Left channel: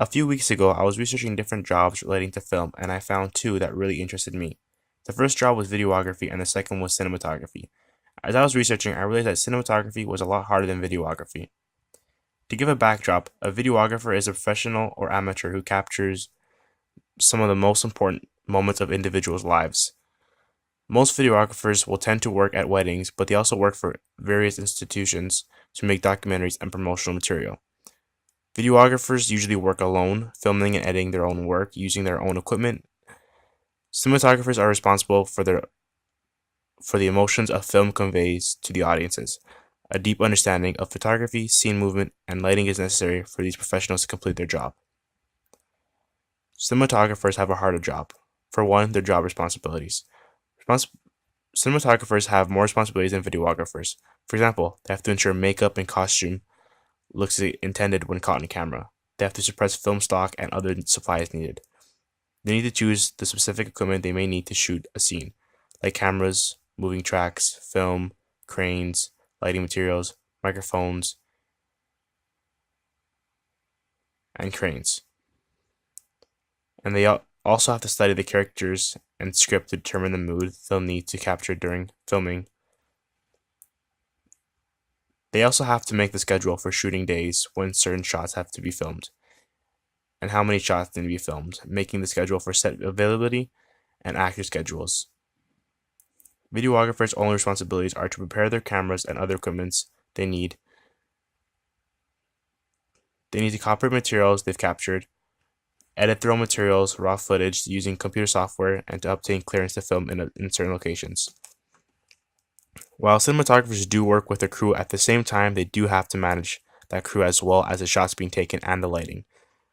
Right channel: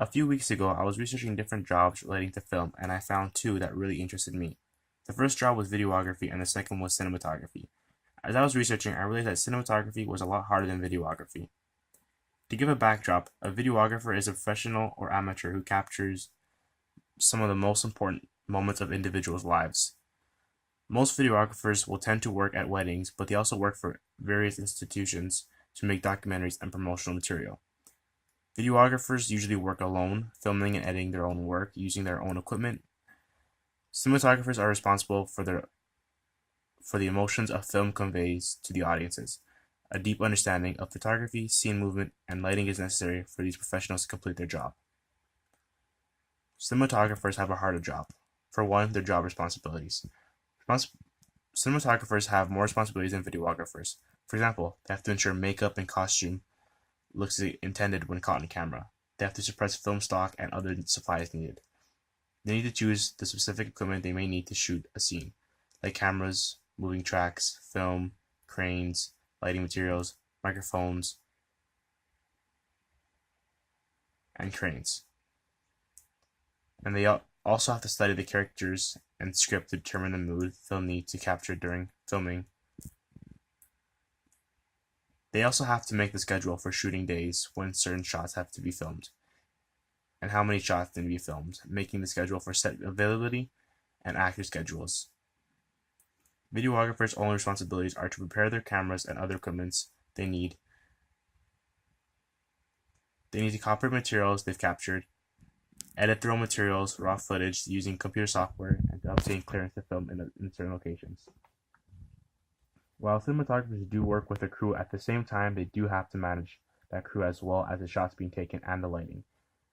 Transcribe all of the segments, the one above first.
A few weeks ago, I was researching different jobs relating to film, and I found two that really interested me. The first job was videography, and the second was cinematography. As I was researching, I realized that cinematography was a lot harder than videography. To give a backdrop, a videographer is a professional or amateur who captures some of the most important moments of individuals' lives. Most videographers will tend to work at weddings, but they also work for various institutions to make documentaries and promotional material. Videographers usually work alone, filming and editing their own work using their own equipment. Cinematographers are responsible for the emotions a film conveys to the audiences. A deep understanding of photography, scene movement, and lighting is necessary for these professionals to complete their job. Cinematographers have a harder job. For one, their job responsibilities. Respons- Cinematographers have more responsibilities than videographers. For example, they have to ensure makeup and costume looks intended when caught on camera. They have to suppress film stock and other supplies needed. They need to choose the specific equipment they may need to shoot a scene, like cameras, moving tracks, film, cranes, lighting materials, microphones, and cranes. And they also have to study the characters and script to determine the mood they'll need to capture during filming. They also have to make the schedule for shooting days when certain shots have to be filmed, and how many shots need to be filmed, making the schedule for set availability and actor schedules. Videographers' only responsibilities are to prepare their cameras and other equipments they need. They need to copy materials they've captured, edit their own materials, raw footage using computer software, and to obtain clearance to film in certain locations. While cinematographers do work with a crew, at the same time, they do have to manage that crew as well as the shots being taken and the lighting.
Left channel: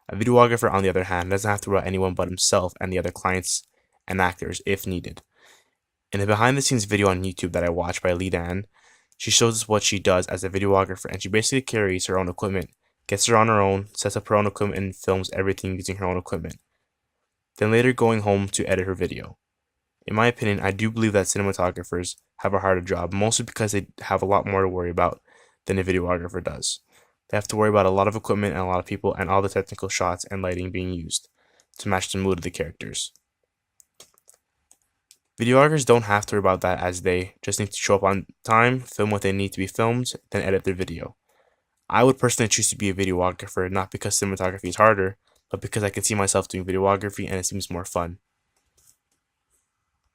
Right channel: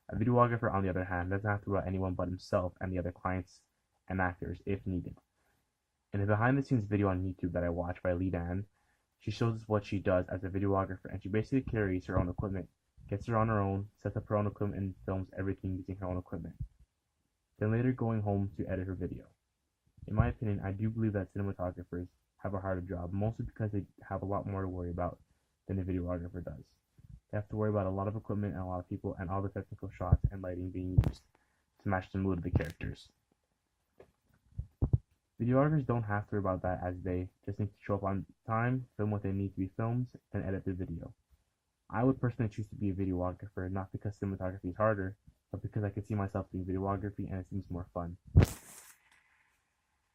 A videographer, on the other hand, doesn't have to worry about anyone but himself and the other clients and actors if needed. In the behind the scenes video on YouTube that I watched by Lee Dan, she shows us what she does as a videographer, and she basically carries her own equipment, gets her on her own, sets up her own equipment, and films everything using her own equipment, then later going home to edit her video. In my opinion, I do believe that cinematographers have a harder job, mostly because they have a lot more to worry about than a videographer does. They have to worry about a lot of equipment and a lot of people and all the technical shots and lighting being used to match the mood of the characters. Videographers don't have to worry about that, as they just need to show up on time, film what they need to be filmed, then edit their video. I would personally choose to be a videographer, not because cinematography is harder, but because I can see myself doing videography and it seems more fun.